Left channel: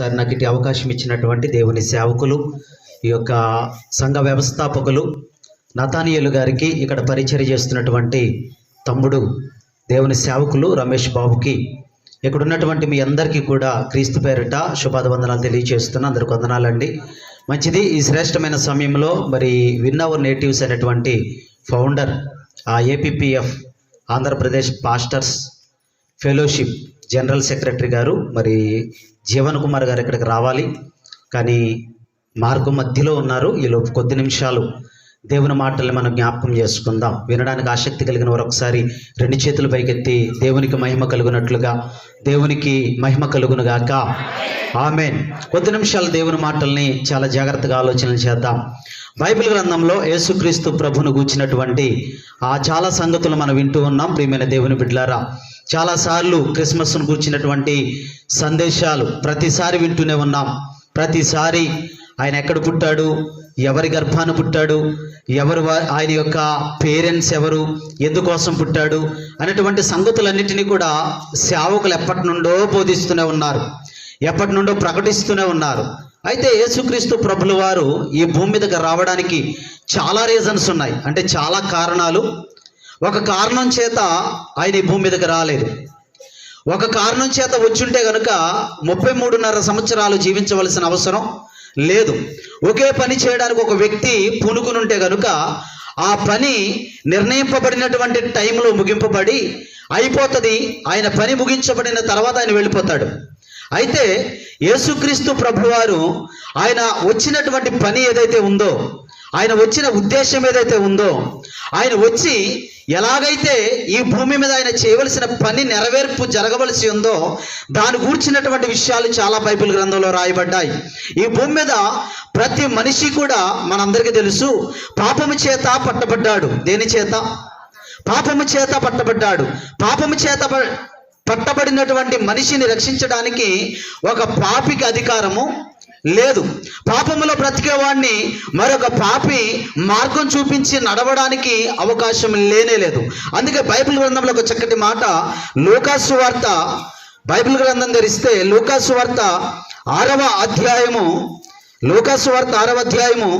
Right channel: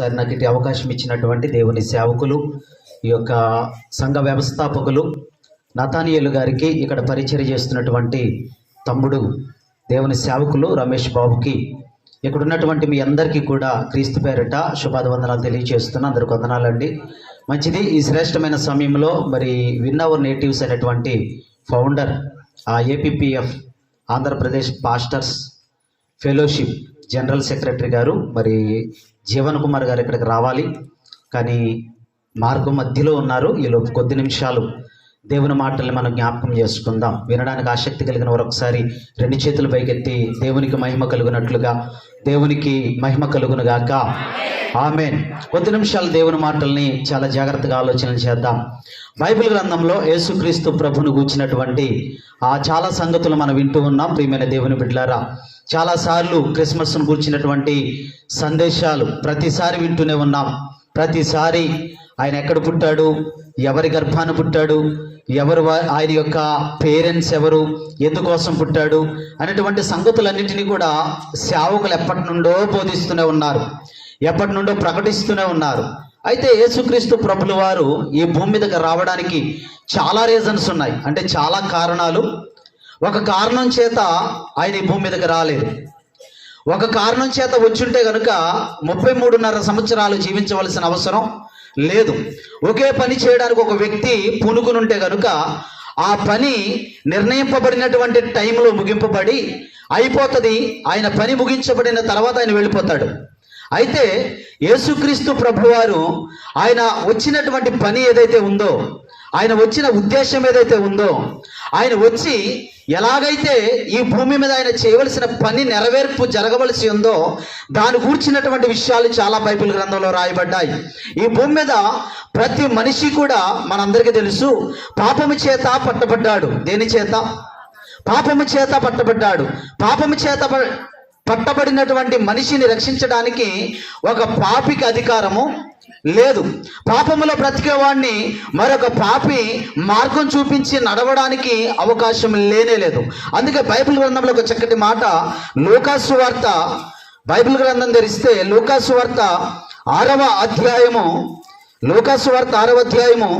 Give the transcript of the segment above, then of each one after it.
Sir నాకు ఇటు అవకాశం ఇచ్చినటువంటి దేవుని సేవకులు, ఈ యొక్క సంఘ వ్యవస్థాపకులు నతానియేలు గారికి, ఇక్కడ పరిచర్య చేస్తున్నటువంటి తమ్ముడు దేవుని సేవకులు రమేష్ బాబుకి, ఇక్కడ ఉన్నటువంటి మీ అందరికీ కూడా క్రీస్తు పేరిట శుభాభివందనాలు తెలియజేస్తున్నా. అందరికి వందనాలండి. మంచిది. ఈ శ్రేష్టమైన సమయంలో మరి విన్ అవర్ నేటివ్స్ అనేటువంటి ఫౌండర్, ఆ APPF Andhra Pradesh pastors fellowship general secretary గారు మరి జీవన్ కుమార్ గారు ఇక్కడికి రావాలి, కానీ మార్గం మధ్యలో ఉన్నారు. ఈలోపు కొద్ది నిమిషాలు దేవుని మాటల్ని మనం జ్ఞాపకం చేసుకుందాం. వినడానికి ఆసక్తి కలిగిన వారు ఒకసారి రెండు చేతులు పైకెత్తి దేవునికి మహిమ కలుగునట్లుగా, దేవునికి మహిమ కలుగునుగాక. ఆమేన్. కొద్ది నిమిషాలు దేవుని మాటల్ని చాలా జాగ్రత్తగా ఆలోచన చేద్దాం. బైబిల్ గ్రంథంలో యేసుక్రీస్తు ప్రభును గూర్చినటువంటి చాలా సంగతులు మనం వింటూ ఉన్నాం. ప్రియమైన దేవుని బిడ్డలారా, చాలాసార్లు క్రిస్మస్ను గూర్చినటువంటి సందేశాలు ప్రతిసారి వింటూనే ఉన్నాం. ప్రతిసారి ఆయన ఎక్కడ పుట్టాడు, ఎవరి గర్భాన పుట్టాడు, ఎవరు ఆయన యొక్క పేరెంట్స్ ఎవరు, ఎందుకోసం పుట్టాడు అనేటువంటి సంగతులన్నింటినీ కూడా సేవకులు ఎప్పటి నుండో బోధిస్తూనే ఉన్నారు, ఎప్పటి నుండో ప్రకటిస్తూనే ఉన్నారు. అయితే యేసుక్రీస్తు ప్రభుల వారు ఈ భూమి మీదకి రావడానికి చాలా రీజన్స్ ఉన్నాయి, అంటే చాలా కారణాలు. ఒక కారణం చేత ఆయన ఈ భూమి మీదకి రాలేదు. ఒక కారణం చేత వచ్చుంటే కనుక 33.5 సంవత్సరాలు జీవించవలసిన అవసరం లేదు. ఒకే పని చేయడానికి ఒక వ్యక్తి పూనుకునుంటే కనుక ఆ పని నిర్ణయింపబడినటువంటి టైంలో ముగింపబడి అయిపోతుంది. ఆయన పని ముగించబడిన తర్వాత ఆయన వెళ్ళిపోతాడు. అయితే యేసుక్రీస్తు ప్రభువారు ఆయన వచ్చినటువంటి పని ఏదైతే ఉందో, ఆయన వచ్చిన ఉద్దేశం ఏదైతే ఉందో, ఆయన వచ్చి ఎలాగైతే ఈ భూమి మీద ఆయన చేయవలసిన పని నెరవేర్పు జరగవలసి ఉందో దాని గూర్చినటువంటి విషయాలు చాలా బైబిల్ గ్రంథంలో రాయబడ్డాయి. ఈ భూమి మీద ప్రతి మనిషి కూడా మనందరికీ తెలుసు పాపము చేత పట్టబడ్డాడు. దేని చేత? పాపము చేత పట్టబడ్డాడు. పాపము చేత పట్టబడినటువంటి మనిషిని రక్షించడానికి ఒక పాపికి అధికారము లేదు. పాపములో బ్రతికేవాడిని మరొక పాపి మార్గం చూపించి నడవడానికి అవకాశం లేనే లేదు. అందుకే బైబిల్ గ్రంథంలో ఒక చక్కటి మాట, లూకాసు వార్త, బైబిల్ గ్రంథం తెరిస్తే లూకాసు వార్త 6వ అధ్యాయము, లూకాసు వార్త 6వ అధ్యాయము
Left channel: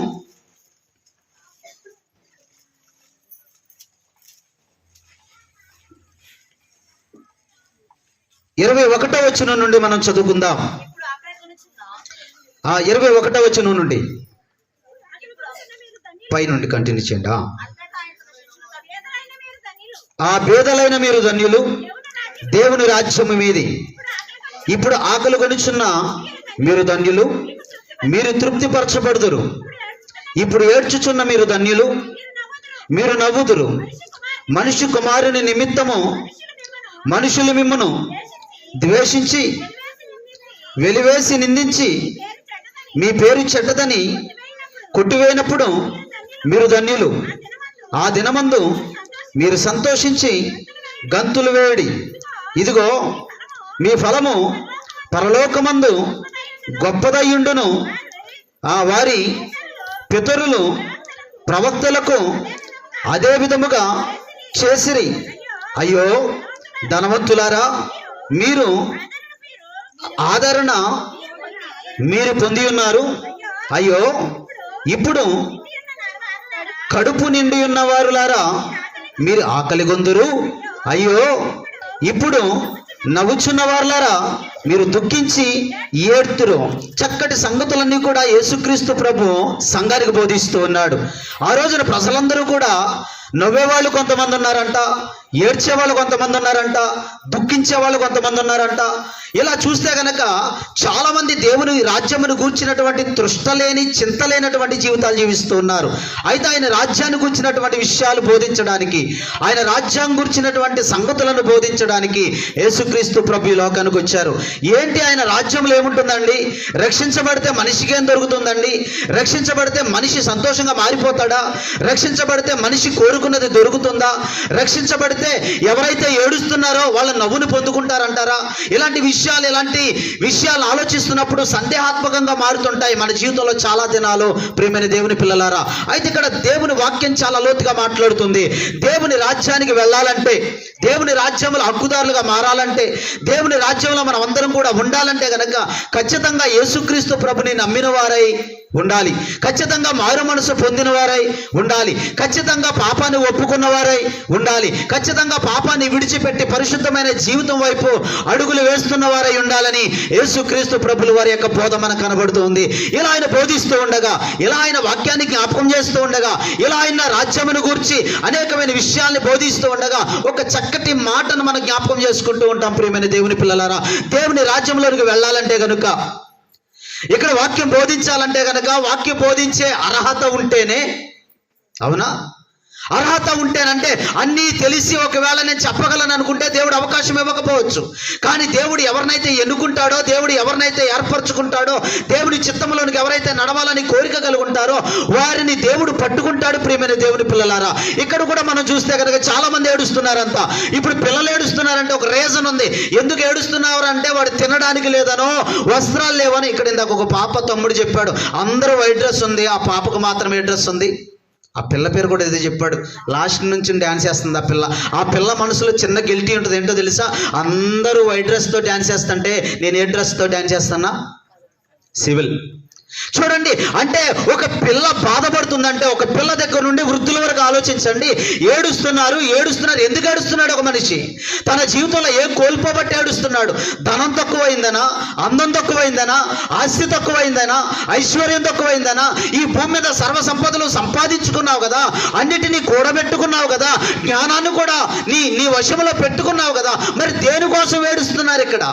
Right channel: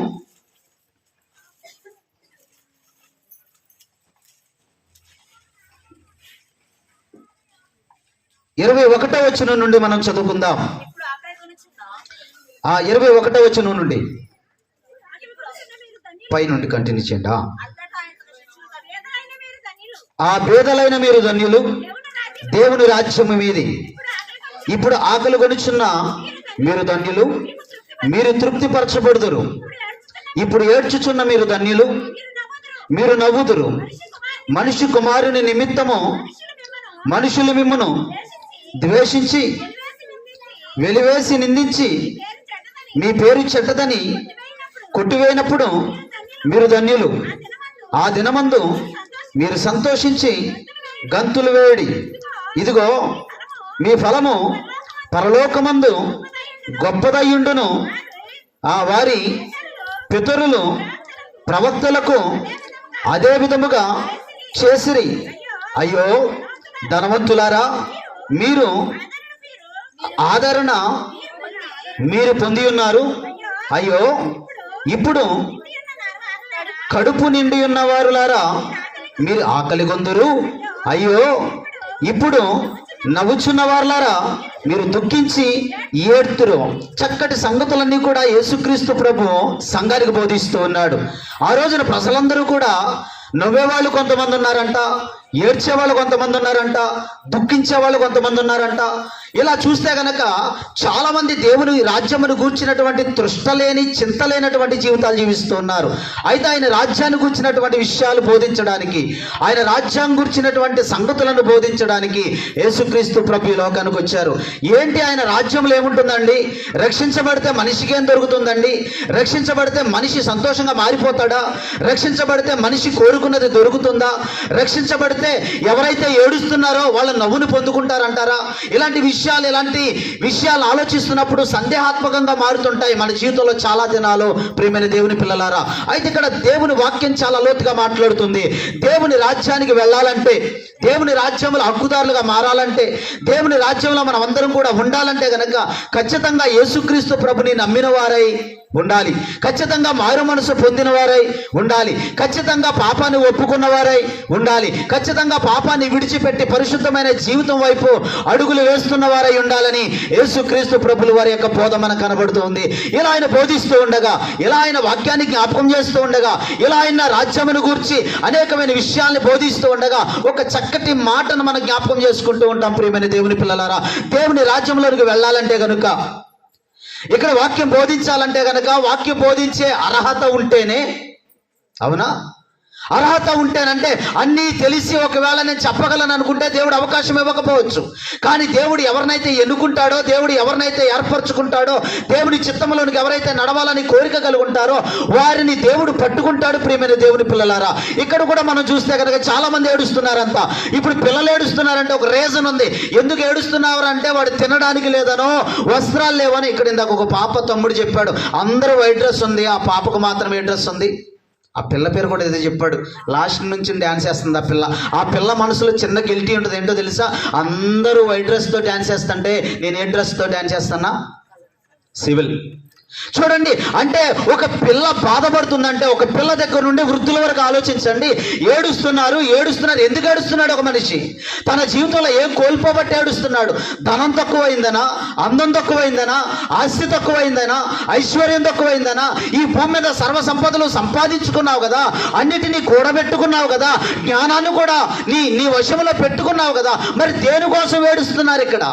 21వ వచనం నుండి మనం చదువుకుందాం. 21వ వచనం నుండి పై నుండి కంటిన్యూ చేయండి. ఆ పేదలైన మీరు ధన్యులు, దేవుని రాజ్యము మీది. ఇప్పుడు ఆకలి కొనుచున్న మీరు ధన్యులు, మీరు తృప్తిపరచబడుదురు. ఇప్పుడు ఏడ్చుచున్న మీరు ధన్యులు, మీరు నవ్వుదురు. మనిషి కుమారుని నిమిత్తము మనుషులు మిమ్మును ద్వేషించి వెలివేసి నిందించి మీ పేరు చెడ్డదని కొట్టివేయినప్పుడు మీరు ధన్యులు. ఆ దినమందు మీరు సంతోషించి గంతులు వేయడి. ఇదిగో మీ ఫలము పరలోకమందు గొప్పదయ్యుండును. ఆ వారి పితరులు ప్రవక్తలకు అదే విధముగా చేసిరి. అయ్యో ధనవంతులారా, మీరు ఆదరణ మీరు పొంది ఉన్నారు. అయ్యో ఇప్పుడు కడుపు నిండి ఉన్నవారులారా, మీరు ఆకలి గొందురు. అయ్యో ఇప్పుడు నవ్వుచున్న వారులారా, మీరు దుఃఖించి ఏడ్తురు. చక్కటి సంగతులన్నీ కూడా యేసుక్రీస్తు ప్రభు సంఘానికి బోధిస్తూ ఉన్నాడు. ఆ రోజున ప్రజలందరూ కూడా నవ్వేవాళ్ళు కొంతమంది ఉన్నారంట, ఏడ్చేవాళ్ళు కొంతమంది ఉన్నారంట, దుఃఖించే వాళ్ళు కొంతమంది ఉన్నారంట. ఇలా చూస్తే గనక చాలా మంది దేవుని రాజ్యమును గూర్చినటువంటి తృష్టలేని, చింతలేనటువంటి జీవితాలు జీవిస్తూ ఉన్నారు. అయితే ఆయన రాజ్యాన్ని గూర్చినటువంటి విషయాలు బోధించడానికి, ఆయన రాజ్యాన్ని గూర్చినటువంటి సంగతులను బోధించడానికి యేసుక్రీస్తు ప్రభు లోకానికి వచ్చారు. ఏంటి ఆయన రాజ్యంలో ఏముంటుందండి? రక్షించబడితే మనిషికి ఏం దొరుకుతుందండి? రక్షించబడితే మనిషి సంతోషంగా మారిపోతాడా? రక్షించబడితే మనిషి కోరుకున్నది దొరుకుతుందా? రక్షించబడితే ఎవరైతే ఏడుస్తున్నారో వాళ్ళ నవ్వును పొందుకుంటారంటారా? ఇలాంటి విషయాలు ఆలోచిస్తున్నప్పుడు చూసినప్పుడు సందేహాత్మకంగా మారుతుంటాయి మన జీవితంలో చాలా దినాలు. ప్రియమైన దేవుని పిల్లలారా, అయితే ఇక్కడ దేవుని వాక్యం చాలా లోతుగా మాట్లాడుతుంది. దేవుని రాజ్యానికి వెళ్ళాలంటే, దేవుని రాజ్యంలో హక్కుదారులుగా మారాలంటే, దేవుని రాజ్యంలో మనం అందరం కూడా ఉండాలంటే గనక ఖచ్చితంగా యేసుక్రీస్తు ప్రభుని నమ్మిన వారై ఉండాలి, ఖచ్చితంగా మారు మనసు పొందిన వారై ఉండాలి, ఖచ్చితంగా పాపాన్ని ఒప్పుకున్న వారై ఉండాలి, ఖచ్చితంగా పాపాన్ని విడిచిపెట్టి పరిశుద్ధమైన జీవితం వైపు అడుగులు వేస్తున్న వారై ఉండాలని యేసుక్రీస్తు ప్రభుల వారి యొక్క బోధ మనకు కనబడుతూ ఉంది. ఇలా ఆయన బోధిస్తూ ఉండగా, ఇలా ఆయన వాక్యాన్ని జ్ఞాపకం చేస్తూ ఉండగా, ఇలా ఆయన రాజ్యమును గూర్చి అనేకమైన విషయాల్ని బోధిస్తూ ఉండగా ఒక చక్కటి మాటను మనం జ్ఞాపకం చేసుకుంటూ ఉంటాం. ప్రియమైన దేవుని పిల్లలారా, దేవుని రాజ్యంలోకి వెళ్ళాలంటే గనుక, ఇక్కడ వాక్యం బోధించాలంటే గనక వాక్యం బోధించే అర్హత ఉంటేనే, అవునా, అర్హత ఉంటేనంటే అన్నీ తెలిసి ఒకవేళ నేను చెప్పగలను అనుకుంటే దేవుడు అవకాశం ఇవ్వకపోవచ్చు. కానీ దేవుడు ఎవరినైతే ఎన్నుకుంటాడో, దేవుడు ఎవరినైతే ఏర్పరచుకుంటాడో, దేవుడి చిత్తంలోనికి ఎవరైతే నడవాలని కోరిక కలుగుంటారో వారిని దేవుడు పట్టుకుంటాడు. ప్రియమైన దేవుని పిల్లలారా, ఇక్కడ కూడా మనం చూస్తే కనుక చాలా మంది ఏడుస్తున్నారంతా. ఇప్పుడు పిల్లలు ఏడుస్తున్నారంటే ఒక రీజన్ ఉంది. ఎందుకు ఏడుస్తున్నారు అంటే వాడు తినడానికి లేదనో, వస్త్రాలు లేవనో. ఇక్కడ ఇందాక ఒక పాప తమ్ముడు చెప్పాడు, అందరూ వైట్ డ్రెస్ ఉంది, ఆ పాపకు మాత్రం ఏ డ్రెస్ ఉంది. ఆ పిల్ల పేరు కూడా ఏదో చెప్పాడు, లాస్ట్ నుంచి డ్యాన్స్ చేస్తుంది ఆ పిల్ల. ఆ పిల్ల మనసులో చిన్న గిల్టీ ఉంటుంది. ఏంటో తెలుసా, అందరూ వైట్ డ్రెస్తో డ్యాన్స్ చేస్తుంటే నేను ఏ డ్రెస్తో డ్యాన్స్ చేస్తానా, సివిల్. చూడండి, అంటే ఒక పిల్ల బాధపడుతుందంటే, ఒక పిల్ల దగ్గర నుండి వృద్ధుల వరకు ఆలోచించండి. ఏడుస్తున్నారు. ఎందుకు ఏడుస్తున్నాడు ఒక మనిషి? తన జీవితంలో ఏం కోల్పోబట్టి ఏడుస్తున్నాడు? ధనం తక్కువైందనా, అందం తక్కువైందనా, ఆస్తి తక్కువైందనా, ఐశ్వర్యం తక్కువైందనా? ఈ భూమి మీద సర్వ సంపదలు సంపాదించుకున్నావు కదా, అన్నిటినీ కూడబెట్టుకున్నావు కదా, జ్ఞానాన్ని కూడా నీ వశంలో పెట్టుకున్నావు కదా, మరి దేనికోసం ఏడుస్తున్నారు? ఇక్కడ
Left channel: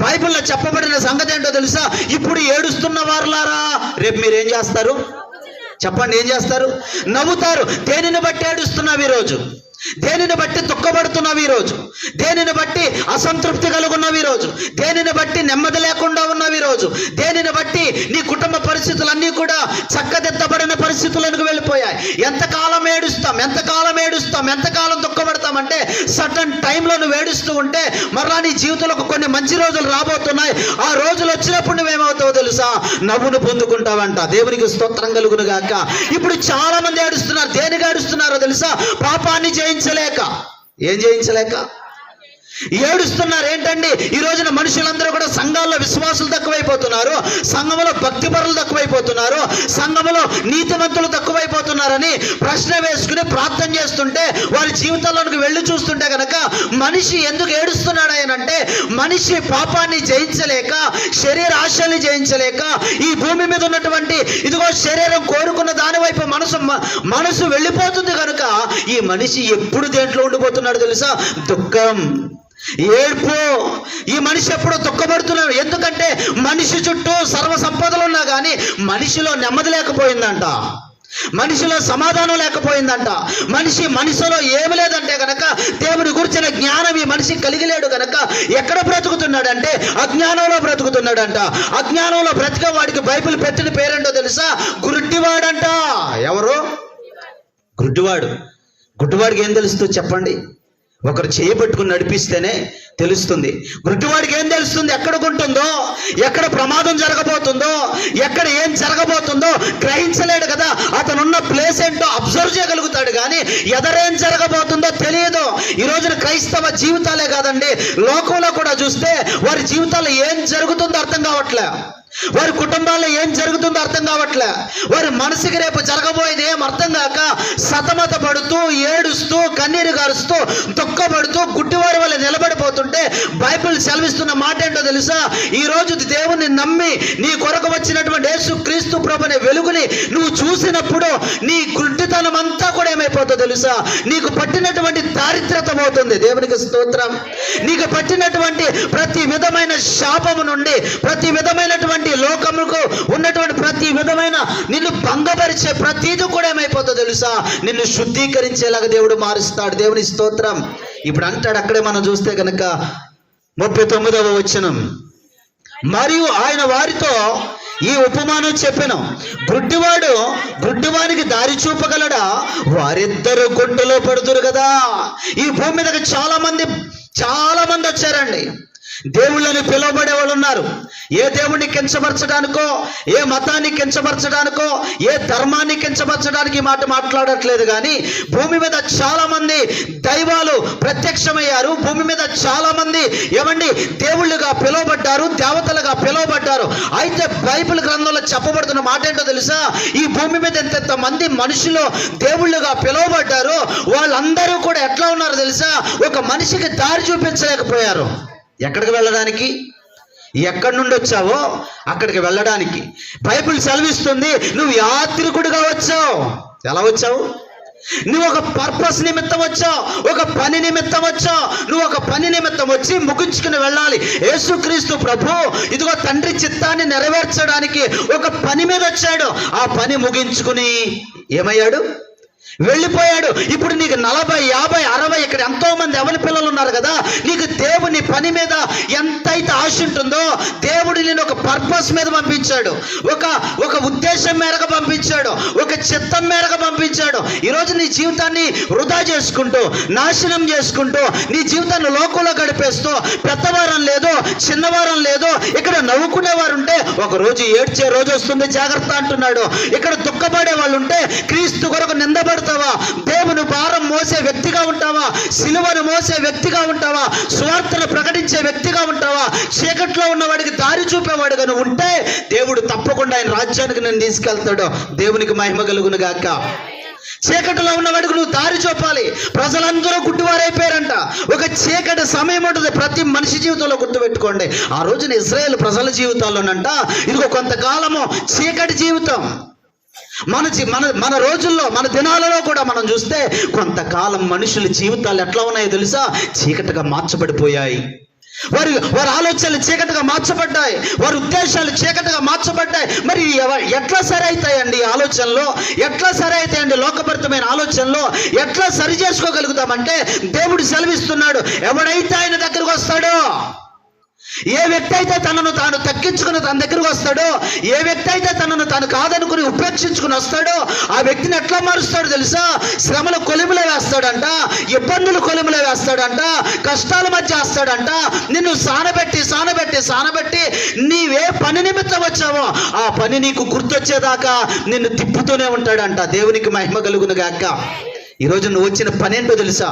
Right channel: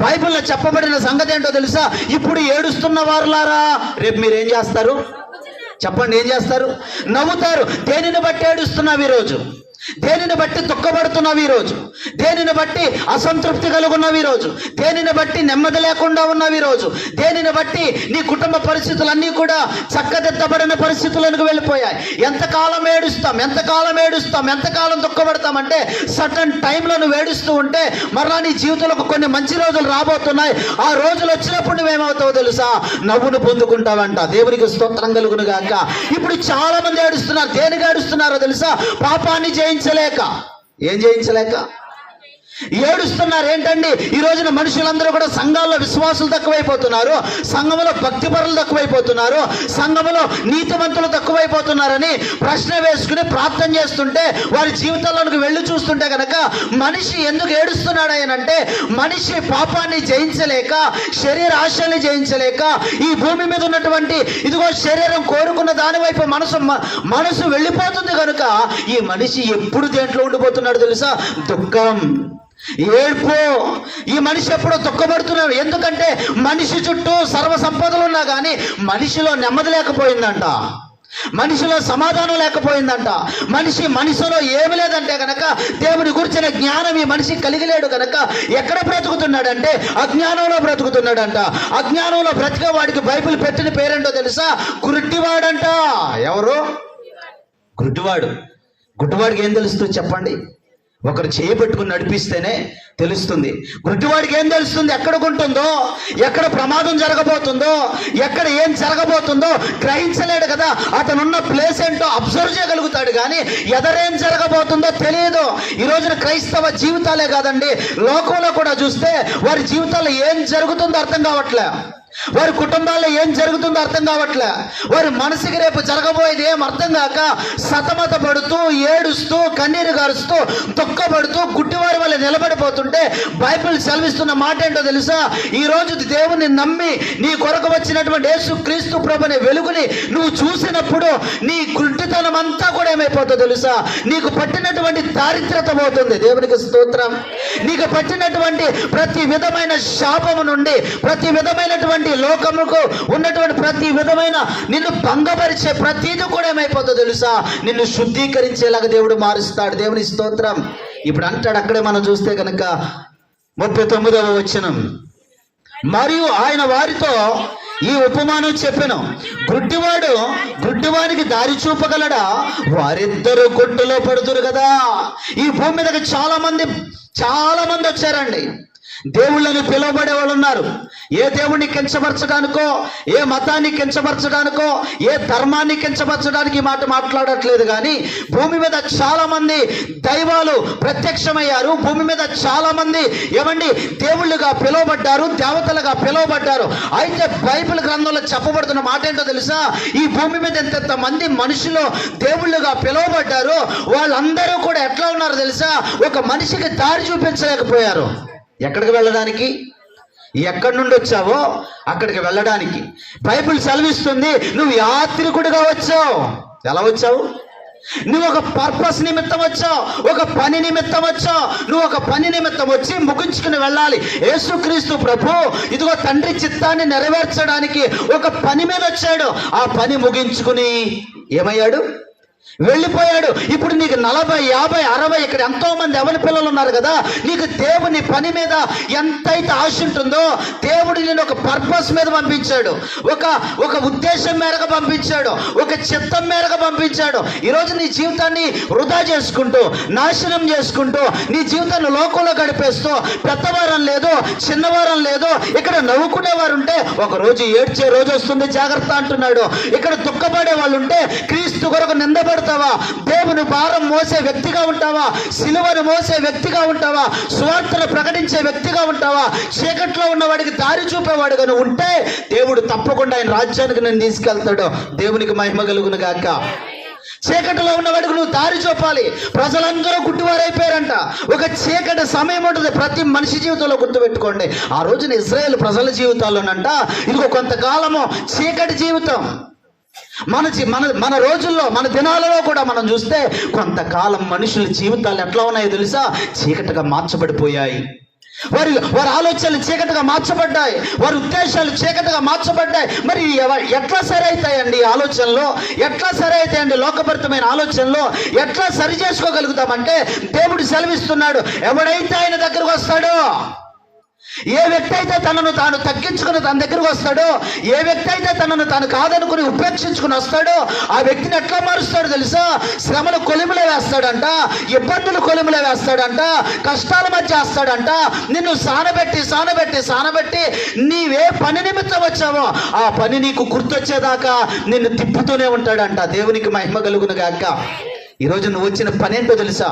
బైబిల్లో చెప్పబడిన సంగతి ఏంటో తెలుసా? ఇప్పుడు ఏడుస్తున్న వారులారా, రేపు మీరేం చేస్తారు చెప్పండి? ఏం చేస్తారు? నవ్వుతారు. దేనిని బట్టి ఏడుస్తున్నావు ఈరోజు? దేనిని బట్టి దుఃఖపడుతున్నావు ఈరోజు? దేనిని బట్టి అసంతృప్తి కలుగున్నావు ఈరోజు? దేనిని బట్టి నెమ్మది లేకుండా ఉన్నావు ఈరోజు? దేనిని బట్టి నీ కుటుంబ పరిస్థితులన్నీ కూడా చక్కదిద్దబడిన పరిస్థితులకు వెళ్ళిపోయాయి? ఎంతకాలం ఏడుస్తాం, ఎంతకాలం దుఃఖపడతామంటే సటన్ టైంలో నువ్వు ఏడుస్తూ ఉంటే మరలా నీ జీవితంలో కొన్ని మంచి రోజులు రాబోతున్నాయి. ఆ రోజులు వచ్చినప్పుడు నువ్వేమవుతావో తెలుసా? నవ్వును పొందుకుంటావంట. దేవునికి స్తోత్రం కలుగును గాక. ఇప్పుడు చాలా మంది ఏడుస్తున్నారు. దేనికి ఏడుస్తున్నారో తెలుసా? పాపాన్ని జయించలేక. ఏం జయించలేక ఏడుస్తున్నారు? ఏంటండి, ఈ రోజున మనుషులందరూ కూడా సంఘాల్లో విశ్వాసులు తక్కువైపోతున్నారు, సంఘంలో భక్తిపరులు తక్కువైపోతున్నారు, సంఘంలో నీతివంతులు తక్కువైపోతున్నారని ప్రశ్న వేసుకుని ప్రార్థన చేస్తుంటే, వారి జీవితంలోకి వెళ్ళి చూస్తుంటే కనుక మనిషి ఎందుకు ఏడుస్తున్నాడు అంటే, మనిషి పాపాన్ని జయించలేక, శరీర ఆశల్ని జయించలేక, ఈ భూమి మీద ఉన్నటువంటి ఇదిగో శరీరం కోరుకున్న దాని వైపు మనసు వెళ్ళిపోతుంది కనుక ఈ మనిషి ఎప్పుడు దేంట్లో ఉండిపోతున్నాడు తెలుసా? దుఃఖం, ఏడ్పు. ఈ మనిషి ఎప్పుడో దుఃఖపడుతున్నాడు. ఎందుకంటే మనిషి చుట్టూ సర్వ సంపదలు ఉన్నా కానీ మనిషిలో నెమ్మది లేకపోయిందంట, మనిషిలో సమాధానం లేకపోయిందంట, మనసులో ఏమి లేదంటే గనక దేవుని గురించిన జ్ఞానం ఈ మనిషి కలిగిలేడు గనక ఎక్కడ బ్రతుకుతున్నాడంటే అజ్ఞానంలో బ్రతుకుతున్నాడంట. అజ్ఞానంలో బ్రతికే వాడికి బైబిల్ పెట్టిన పేరేంటో తెలుసా? గుడ్డివాడంట. ఎవరు? గుడ్డివాడు. గుడ్డివాడికి ఏం తెలుస్తుంది చెప్పండి? ఒకరు చేయబట్టుకుని నడిపిస్తేనే తెలుస్తుంది. గుడ్డివాడికి ఏం తెలుస్తుంది? ఎక్కడ ఉంటుందో, ఎక్కడ ప్రమాదం జరగబోతుందో, ఎక్కడ ఏం జరగబోతుందో గ్రహించలేడు కదా. అతనున్న ప్లేస్ ఏంటో అబ్జర్వ్ చేయగలుగుతాడు కానీ ఎదరేం జరగబోతుందో తెలియదు. ఈ రోజున క్రైస్తవ జీవితాలే కాదండి, లోకంలో కూడా చూస్తే వారి జీవితాల్లో ఏం జరుగుతుందో అర్థం కావట్లే, వారి కుటుంబాల్లో ఏం జరుగుతుందో అర్థం కావట్లే, వారి మనసుకి రేపు జరగబోయేది ఏం అర్థం కాక సతమత పడుతూ, ఏడుస్తూ, కన్నీరు గారుస్తూ, దుఃఖపడుతూ గుడ్డివారి వల్ల నిలబడిపోతుంటే బైబిల్ సెలవిస్తున్న మాట ఏంటో తెలుసా? ఈ రోజు దేవుని నమ్మి నీ కొరకు వచ్చినటువంటి యేసుక్రీస్తు ప్రభుని వెలుగుని నువ్వు చూసినప్పుడు నీ గుడ్డితనం అంతా కూడా ఏమైపోతుందో తెలుసా? నీకు పట్టినటువంటి దారిద్రత పోతుంది. దేవునికి స్తోత్రం. నీకు పట్టినటువంటి ప్రతి విధమైన శాపము నుండి, ప్రతి విధమైనటువంటి లోకముకు ఉన్నటువంటి ప్రతి విధమైన నిన్ను భంగపరిచే ప్రతిదీ కూడా ఏమైపోతుందో తెలుసా? నిన్ను శుద్ధీకరించేలాగా దేవుడు మారుస్తాడు. దేవుని స్తోత్రం. ఇప్పుడు అంటాడు, అక్కడే మనం చూస్తే కనుక 39వ వచనం, మరియు ఆయన వారితో ఈ ఉపమానం చెప్పెను, గుడ్డివానికి దారి చూపగలడా? వారిద్దరు గుడ్డులో పడుతురు కదా. ఈ భూమి మీదకి చాలా మంది వచ్చారండి. దేవుళ్ళని పిలువబడే వాళ్ళు ఉన్నారు. ఏ దేవుణ్ణి కించపరచడానికో, ఏ మతాన్ని కించపరచడానికో, ఏ ధర్మాన్ని కించపరచడానికి ఈ మాట మాట్లాడట్లేదు. కానీ భూమి మీద చాలా మంది దైవాలు ప్రత్యక్షమయ్యారు. భూమి మీద చాలా మంది ఏమండి దేవుళ్ళుగా పిలువబడ్డారు, దేవతలుగా పిలువబడ్డారు. అయితే బైబిల్ గ్రంథంలో చెప్పబడుతున్న మాట ఏంటో తెలుసా? ఈ భూమి మీద ఎంతెంత మంది మనుషులు దేవుళ్ళుగా పిలువబడ్డారు, వాళ్ళందరూ కూడా ఎట్లా ఉన్నారు తెలుసా? ఒక మనిషికి దారి చూపించలేకపోయారు. ఎక్కడికి వెళ్ళడానికి? ఎక్కడి నుండి వచ్చావో అక్కడికి వెళ్ళడానికి బైబిల్ సెలవిస్తుంది. నువ్వు యాత్రికుడిగా వచ్చావు. ఎలా వచ్చావు? నువ్వు ఒక పర్పస్ నిమిత్తం వచ్చావు, ఒక పని నిమిత్తం వచ్చావు. నువ్వు ఒక పని నిమిత్తం వచ్చి ముగించుకుని వెళ్ళాలి. యేసుక్రీస్తు ప్రభు ఇదిగో తండ్రి చిత్తాన్ని నెరవేర్చడానికి ఒక పని మీద వచ్చాడు. ఆ పని ముగించుకుని ఏమయ్యాడు? వెళ్ళిపోయాడు. ఇప్పుడు నీకు 40, 50, 60 ఇక్కడ ఎంతో మంది ఎవరి పిల్లలు ఉన్నారు కదా. నీకు దేవుని పని మీద ఎంతైతే ఆశ ఉంటుందో దేవుడు నేను ఒక పర్పస్ మీద పంపించాడు, ఒక ఉద్దేశం మేరకు పంపించాడు, ఒక చిత్తం మేరకు పంపించాడు. ఈరోజు నీ జీవితాన్ని వృధా చేసుకుంటూ, నాశనం చేసుకుంటూ, నీ జీవితాన్ని లోకంలో గడిపేస్తూ, పెద్దవారం లేదు, చిన్నవారం లేదు, ఇక్కడ నవ్వుకునేవారు ఉంటే ఒక రోజు ఏడ్చే రోజు వస్తుంది, జాగ్రత్త అంటున్నాడు. ఇక్కడ దుఃఖపడే వాళ్ళు ఉంటే క్రీస్తు కొరకు నిందపడతావా? దేవుని భారం మోసే వ్యక్తిగా ఉంటావా? సిలువను మోసే వ్యక్తిగా ఉంటావా? సువార్తను ప్రకటించే వ్యక్తిగా ఉంటావా? చీకట్లో ఉన్నవాడికి దారి చూపేవాడుగా నువ్వు ఉంటే దేవుడు తప్పకుండా ఆయన రాజ్యానికి నేను తీసుకెళ్తాడు. దేవునికి మహిమ కలుగును గాక. చీకటిలో ఉన్నవాడికి నువ్వు దారి చూపాలి. ప్రజలందరూ గుడ్డివారైపోయారంట. ఒక చీకటి సమయం ఉంటుంది ప్రతి మనిషి జీవితంలో, గుర్తుపెట్టుకోండి. ఆ రోజున ఇశ్రాయేల్ ప్రజల జీవితాల్లోనంట ఇదిగో కొంతకాలము చీకటి జీవితం. మన రోజుల్లో, మన దినాలలో కూడా మనం చూస్తే కొంతకాలం మనుషుల జీవితాలు ఎట్లా ఉన్నాయో తెలుసా? చీకటిగా మార్చబడిపోయాయి. వారి ఆలోచనలు చీకటిగా మార్చబడ్డాయి, వారి ఉద్దేశాలు చీకటిగా మార్చబడ్డాయి. మరి ఎట్లా సరైతాయండి ఈ ఆలోచనలో? ఎట్లా సరైతాయండి లోకభరితమైన ఆలోచనలో? ఎట్లా సరి చేసుకోగలుగుతామంటే దేవుడు సెలవిస్తున్నాడు. ఎవడైతే ఆయన దగ్గరకు వస్తాడో, ఏ వ్యక్తి అయితే తనను తాను తగ్గించుకుని తన దగ్గరకు వస్తాడో, ఏ వ్యక్తి అయితే తనను తాను కాదనుకుని ఉపేక్షించుకుని వస్తాడో, ఆ వ్యక్తిని ఎట్లా మారుస్తాడో తెలుసా? శ్రమలు కొలిములో వేస్తాడంట, ఇబ్బందులు కొలిములో వేస్తాడంట, కష్టాల మధ్య వేస్తాడంట. నిన్ను సానబెట్టి నీవే పని నిమిత్తం వచ్చావో ఆ పని నీకు గుర్తొచ్చేదాకా నిన్ను తిప్పుతూనే ఉంటాడంట. దేవునికి మహిమ కలుగును గాక. ఈరోజు నువ్వు వచ్చిన పని ఏంటో తెలుసా?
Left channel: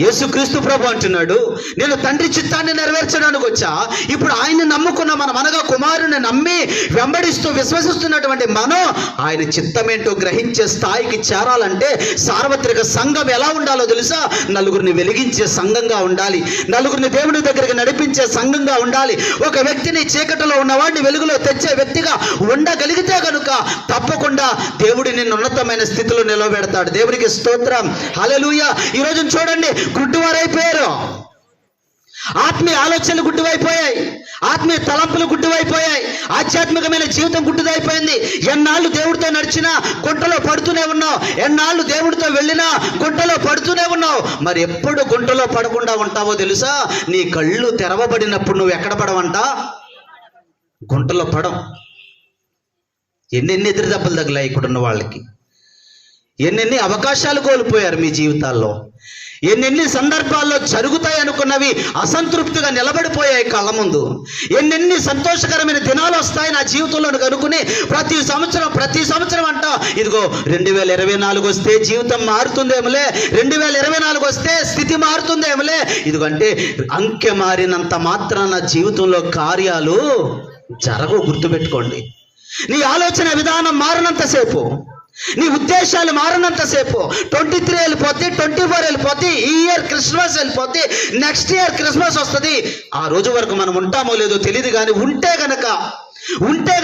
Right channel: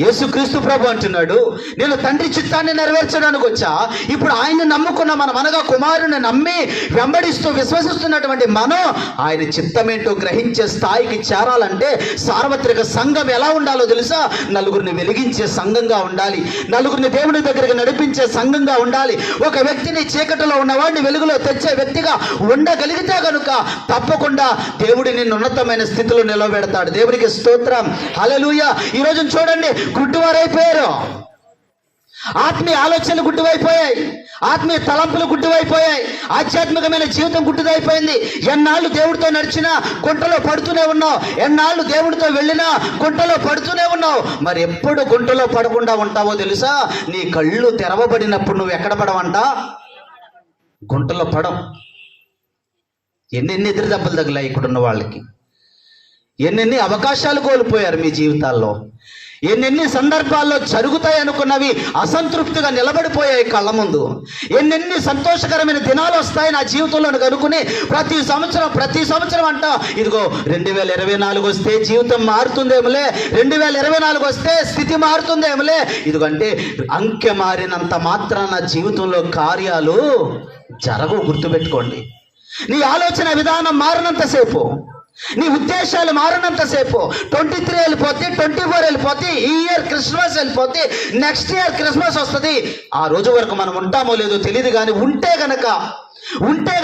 యేసుక్రీస్తు ప్రభు అంటున్నాడు, నేను తండ్రి చిత్తాన్ని నెరవేర్చడానికి వచ్చా. ఇప్పుడు ఆయన్ని నమ్ముకున్న మనం, అనగా కుమారుని నమ్మి వెంబడిస్తూ విశ్వసిస్తున్నటువంటి మనం ఆయన చిత్తమేంటో గ్రహించే స్థాయికి చేరాలంటే సార్వత్రిక సంఘం ఎలా ఉండాలో తెలుసా? నలుగురిని వెలిగించే సంఘంగా ఉండాలి, నలుగురిని దేవుని దగ్గరికి నడిపించే సంఘంగా ఉండాలి. ఒక వ్యక్తిని చీకటిలో ఉన్నవాడిని వెలుగులో తెచ్చే వ్యక్తిగా ఉండగలిగితే కనుక తప్పకుండా దేవుడు నిన్ను ఉన్నతమైన స్థితిలో నిలబెడతాడు. దేవునికి స్తోత్రం, హల్లెలూయా. ఈ రోజు చూడండి, గుడ్డివారైపోయారు. ఆత్మీయ ఆలోచనలు గుడ్డివైపోయాయి, ఆత్మీయ తలంపులు గుడ్డివైపోయాయి, ఆధ్యాత్మికమైన జీవితం గుడ్డిదైపోయింది. ఎన్నాళ్ళు దేవుడితో నడిచినా గుంటలో పడుతూనే ఉన్నావు, ఎన్నాళ్ళు దేవుడితో వెళ్ళినా గుంటలో పడుతూనే ఉన్నావు. మరి ఎప్పుడు గుంటలో పడకుండా ఉంటావో తెలుసా? నీ కళ్ళు తెరవబడినప్పుడు నువ్వు ఎక్కడ పడవంట? గుంటలో పడం. ఎన్నెన్ని ఎదురు దెబ్బలు తగిలాయి ఇక్కడున్న వాళ్ళకి, ఎన్నెన్ని అవకాశాలు కోల్పోయారు మీ జీవితాల్లో, ఎన్నెన్ని సందర్భాల్లో జరుగుతాయి అనుకున్నవి అసంతృప్తిగా నిలబడిపోయాయి కళ్ళ ముందు. ఎన్నెన్ని సంతోషకరమైన దినాలు వస్తాయి నా జీవితంలో అనుకుని ప్రతి సంవత్సరం అంట ఇదిగో 2024 వస్తే జీవితం మారుతుందేమోలే, 2024 వస్తే స్థితి మారుతుందేమోలే. ఇదిగంటే అంకె మారినంత మాత్రాన జీవితంలో కార్యాలు జరగవు. గుర్తుపెట్టుకోండి. నీ ఆలోచన విధానం మారినంతసేపు, నీ ఉద్దేశాలు మారినంతసేపు 23 వెళ్ళిపోతే, 24 వెళ్ళిపోతే, ఈ ఇయర్ క్రిస్మస్ వెళ్ళిపోతే, నెక్స్ట్ ఇయర్ క్రిస్మస్ వస్తుంది. ఆ రోజు వరకు మనం ఉంటామో లేదో తెలియదు. కానీ ఉంటే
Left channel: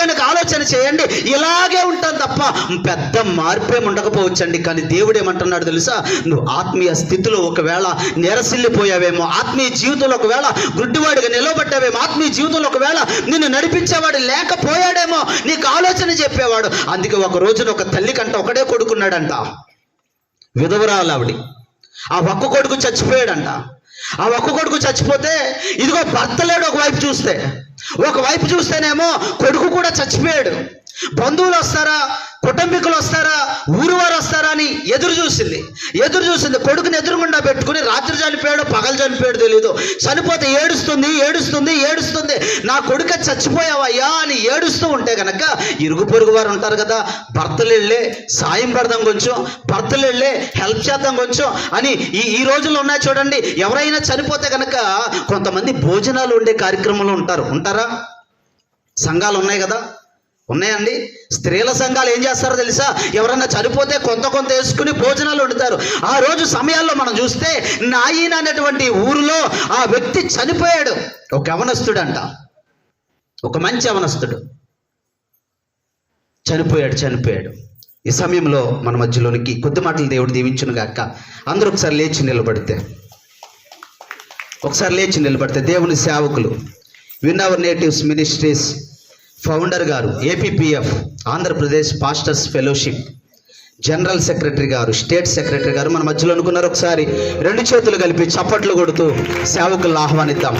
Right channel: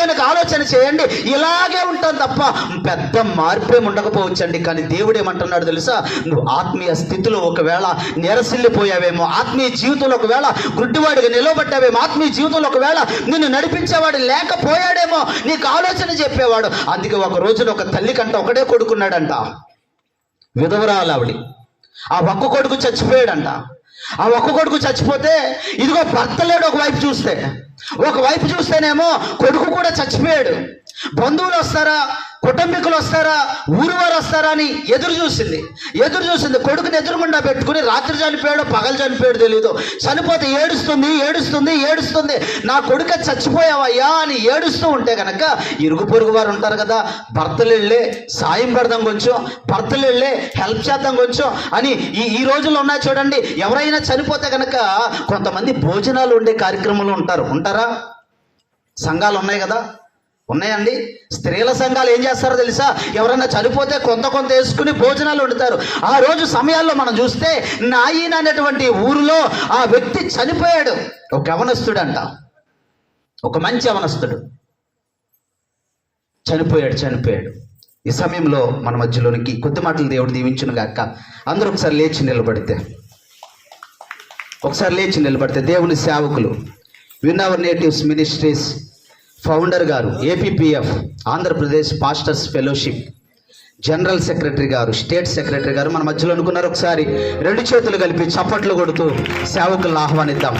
గనక ఆలోచన చేయండి, ఇలాగే ఉంటాను తప్ప పెద్ద మార్పేం ఉండకపోవచ్చండి. కానీ దేవుడు ఏమంటున్నాడు తెలుసా? నువ్వు ఆత్మీయ స్థితిలో ఒకవేళ నెరసిల్లిపోయావేమో, ఆత్మీయ జీవితంలో ఒకవేళ గుడ్డివాడిగా నిలబడ్డావేమో, ఆత్మీయ జీవితంలో ఒకవేళ నిన్ను నడిపించేవాడు లేకపోయాడేమో, నీకు ఆలోచన చెప్పేవాడు. అందుకే ఒక రోజున ఒక తల్లి కంట ఒకడే కొడుకున్నాడంట, విధవరాలు ఆవిడ. ఆ ఒక్క కొడుకు చచ్చిపోయాడంట. ఆ ఒక్క కొడుకు చచ్చిపోతే ఇదిగో భర్త లేడు. ఒకవైపు చూస్తేనేమో కొడుకు కూడా చచ్చిపోయాడు. బంధువులు వస్తారా, కుటుంబీకులు వస్తారా, ఊరు వారు వస్తారా అని ఎదురు చూసింది. కొడుకుని ఎదురుగుండా పెట్టుకుని రాత్రి చనిపోయాడు, పగలు చనిపోయాడు తెలియదు. చనిపోతే ఏడుస్తుంది. నా కొడుక చచ్చిపోయావయ్యా అని ఏడుస్తూ ఉంటే కనుక ఇరుగు పొరుగు వారు ఉంటారు కదా, భర్తలు వెళ్ళే సాయం పడదాం కొంచెం, భర్తలు వెళ్ళే హెల్ప్ చేద్దాం కొంచెం అని ఈ రోజుల్లో ఉన్నాయి చూడండి. ఎవరైనా చనిపోతే కనుక కొంతమంది భోజనాలు ఉండే కార్యక్రమంలో ఉంటారా? సంఘాలు ఉన్నాయి కదా, ఉన్నాయండి. స్త్రీల సంఘాలు ఏం చేస్తారో తెలుసా? ఎవరన్నా చనిపోతే కొంత వేసుకుని భోజనాలు వండుతారు. ఆ రోజు సమయాల్లో మనం చూస్తే నాయన అనేటువంటి ఊరిలో ఆ వ్యక్తి చనిపోయాడు. ఒక యవనస్తుడంట, ఒక మంచి యవనస్తుడు చనిపోయాడు. ఈ సమయంలో మన మధ్యలోనికి కొద్ది మాటలు దేవుడు దీవించును గాక. అందరూ ఒకసారి లేచి నిలబడితే దేవుని సేవకులు, win our natives ministries founder గారు, APPF Andhra Pradesh pastors fellowship general secretary గారు, స్టేట్ సెక్రటరీ గారు మన మధ్యలో అనుకున్నారు. ఒకసారి రెండు చేతులు కలిపి చప్పట్లు కొడుతూ సేవకులను ఆహ్వానిద్దాం.